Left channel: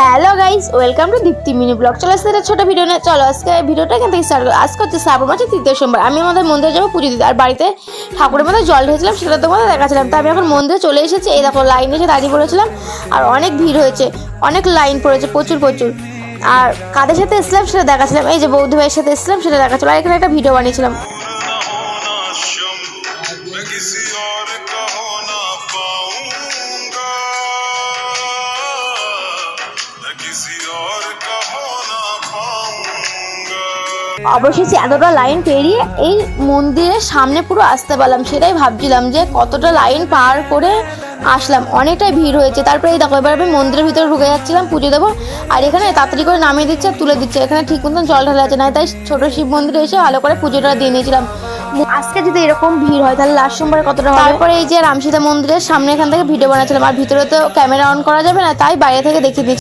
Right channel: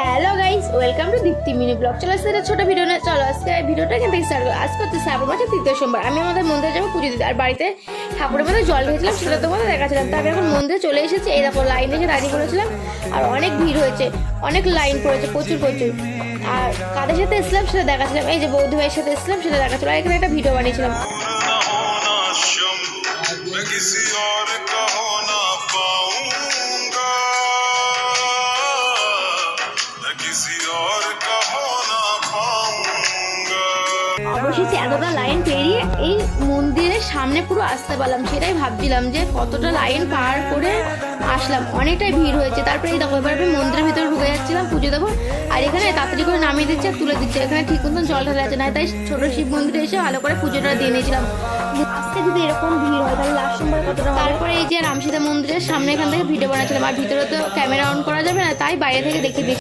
Hello guys, welcome to Deepti mini blog. চলো আজকে একটা ছোটো ভিডিও নিয়ে চলো আজকে ভিডিওটা এখান থেকে স্টার্ট করো। আজকে হচ্ছে শ্রাবণ মাসের 3য় সোমবার। আমি আমাদের মন্দিরে যাবো পুজো দিতে, আর বাড়িতে ঠাকুরের মধ্যে জল ঢেলেছিলাম, সেটা তোমাদের দেখাচ্ছিলাম। তো আমি এখন মন্দিরে চলে এসেছি। এই দেখো লাইনে এসে দাঁড়িয়ে পড়েছিলাম, আর অনেক ভিড় হয়েছে, অনেক লাইন পড়েছে, প্রচুর। আর কাদের সাথে এসেছিলাম সেটা দেখাচ্ছিলাম। এই যে বৌদি ভাইয়ের সাথে এসেছিলাম সেটা দেখাচ্ছিলাম, আর এখানে একটা ভিডিও বানিয়েছিলাম। অবশেষে এতটা লাইন পেরিয়ে এই মন্দিরের সামনে পুরো আসতে পারলাম। সেটাই ভাবছিলাম যে কতটা লাইন পার করে আসলাম, অনেকটাই ভিড় হয়েছে। তারপরে এই দেখো এবার আমি মন্দিরের ভিতরে ঢুকে যাচ্ছিলাম পুজো দেবো, আর এখানে তাড়াতাড়ি করে নামিয়ে দিচ্ছে আর তুলে দিচ্ছে। এখানে ঠিক মতন জল ঢালা আছে না, তাই ছোট শিব মন্দিরে এসে ভালো করে পুজোটা দিয়ে নিয়েছিলাম। আজকে যদি এরকম ভিড় হয় তাহলে লাস্ট সোমবার কতটা হবে। তারপরে এই যে রামসীতা মন্দিরের সামনে এখান থেকে ভিডিও বানাচ্ছিলাম, আর ভিতরে তো ক্যামেরা অন করা যাবে না, তাই বাইরে থেকে দেখিয়ে দিচ্ছি।